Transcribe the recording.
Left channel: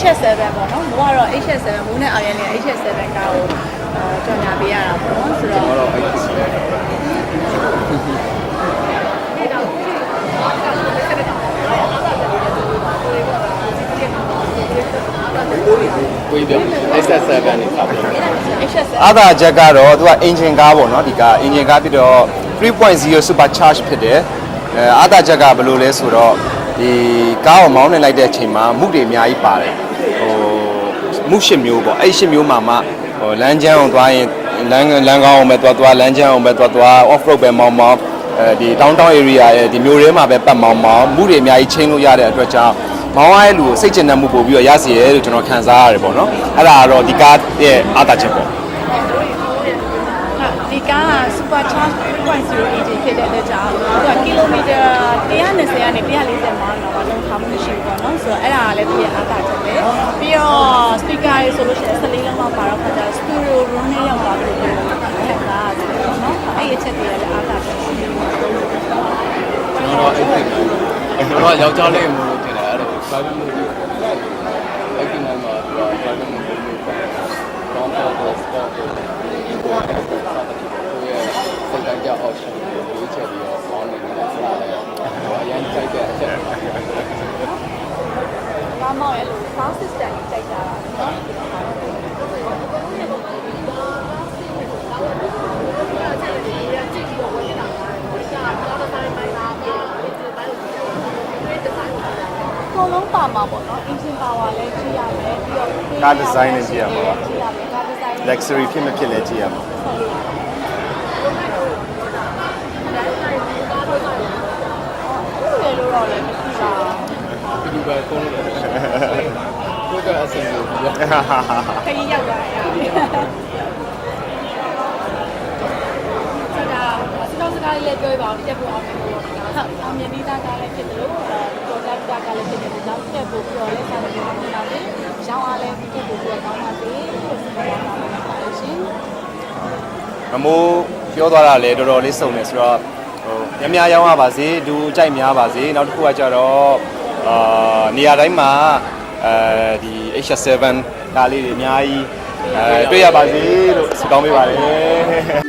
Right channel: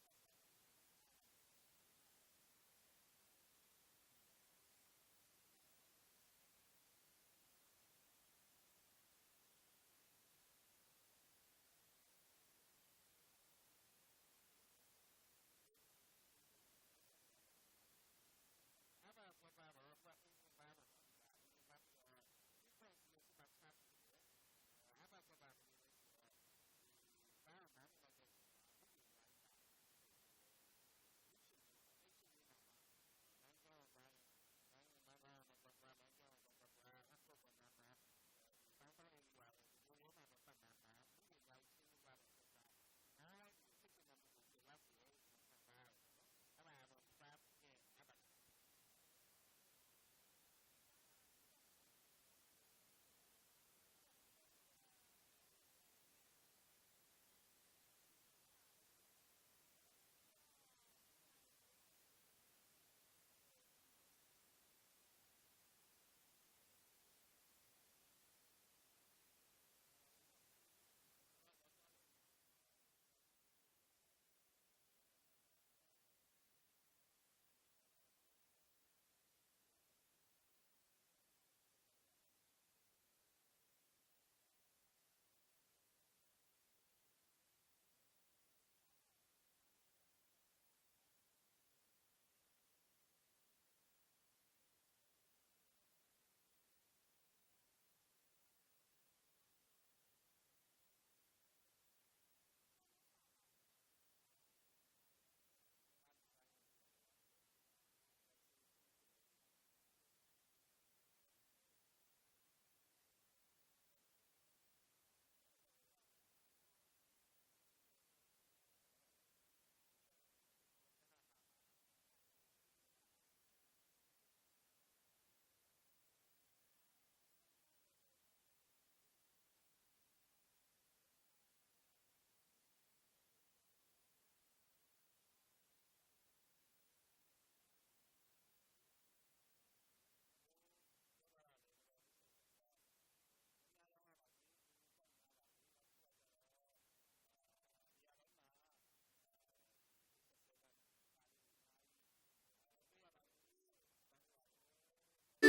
HS7 ပေါ့နော်မိုးကတော့ HS7 မိုးနဲ့အောင်ရနေ HS7 ကားကိုအာကြော်ညာပေးရတာပေါ့နော်ဆိုတော့ကျွန်တော်တော့အဲ့ဒီစီတယ်ကိုကြီးပြော SS7 နေပါပြော HS7 အာသာချက်ကတော့သူကအင်ဂျင်ကားပေါ့နော်ဒီကားအင်ဂျင်ကားပြီးတော့3.0 super charge ဖြစ်တယ်အဲအာသာချက်ကဘယ်လိုလဲဆိုတော့ ဒီကားကိုမောင်းနေလိုက်တဲ့အချိန်မှာမုတွေအများကြီးပါတယ်ဟိုမုရှစ်မျိုးပေါ့အဲ့ရှစ်မျိုးမှာမှဟိုလမ်းကျန်းအောင်သွားရင်လမ်းလမ်းကောင်းအောင်ပဲသွားသွားလမ်းကျန်းအောင်ပဲသွားသွား off road ပဲမောင်းမောင်းအဲဒီ downtown area ရဲ့ဒီမျိုးထဲမှာပဲပတ်မောင်းမောင်းမုတွေအများကြီးချင်းလို့ရတဲ့အတွက်ကြောင့်မောင်းရတဲ့လူကိုစိတ်ကျဉ်တဲ့မှုပို့ပြီးတော့ရစီရဲလို့ကျွန်တော်ခံစားရတယ်ပေါ့နော်အဲ့ဒါကတော့ဒီကားရဲ့အာသာချက်ပေါ့ဒီကားက super charge 3.0 engine ဖြစ်တဲ့အတွက်ကြောင့်သူကကီလိုမီတာ120 ကနေ140မိုင်တော့လုံးခါမှုရှိဘူးပေါ့နော်ဆိုတော့အဲ့ဒါကလည်းပြည့်အားတာချက်ပဲပြီးတော့ speaker ရေဆိုလို့ရှိရင်14လုံးလောက်ပါတော့ခါကျ studio room နဲ့ရောက်သွားလို့ခံစားရတယ်ပေါ့နော်အဲ့ဒီအချက်တွေလည်းအားတာချက်ရှိတယ်ကျွန်တော်အဲ့ဒီကျွန်တော်ယောက်ျားလေးမျိုးလို့ထင်တယ်အဲ့ဒါ private မျိုးလို့အဲ့ဒီမှာတော့ private မျိုးလို့ပြောတယ် don't for sport ကိုရဲ့စိတ်တိုင်းကြ option ကိုရွေးချယ်ပြီးတော့ on နေတယ်ဆိုတာလည်းအရင်ကြိုက်တဲ့အချက်တွေ ဘာမှလည်း sound system ကြီးကြိုက်တာနော်ကိုလုံးပါမှာပေါ့နော် engine power လည်းကြည့်ရမယ်ပြီးတော့ကား design လည်းကြည့်ရမှာပါကြည့်ရမယ်ကား design လည်း luxury ဖြစ်မဖြစ်လဲကြည့်ရမှာတယ်လို့တော့လည်းမရှိပါဘူး ဒီပဲကုန်းလို့တယ်ကိုက အစင်ကိုပြောခရီးရောက်လာရပြီဆရာစကားစကားလေးပြောပြပါဦးတက်ဖို့အောင်လို့ဟုတ်အောင်မြင်ပြီးသားကားလည်းဖြစ်တယ်လို့တော်တော်တာကားလည်းဖြစ်တယ်ကြောင့်တက်ဖို့ပြောလဲဆက်ပြီးတော့နေတာလေရောင်းအားလည်းဖြစ်ဖို့ပြောကောင်းပါစေလို့ပြောတာပါလို့ရှင်မမိုးပြောသွားတာလေတော်တော်လေးစုံနေဆိုတော့ဟိုများများရောင်းရပါစေဒူကြိုက်များပါစေနောက်တစ်ခုကကြတော့အာနေရာတိုင်းမှာ အဲဒီ H7 ကားလေးတွေအများကြီးအဲတွေ့ရပါစေလို့ဆုတောင်းပေးပါတယ်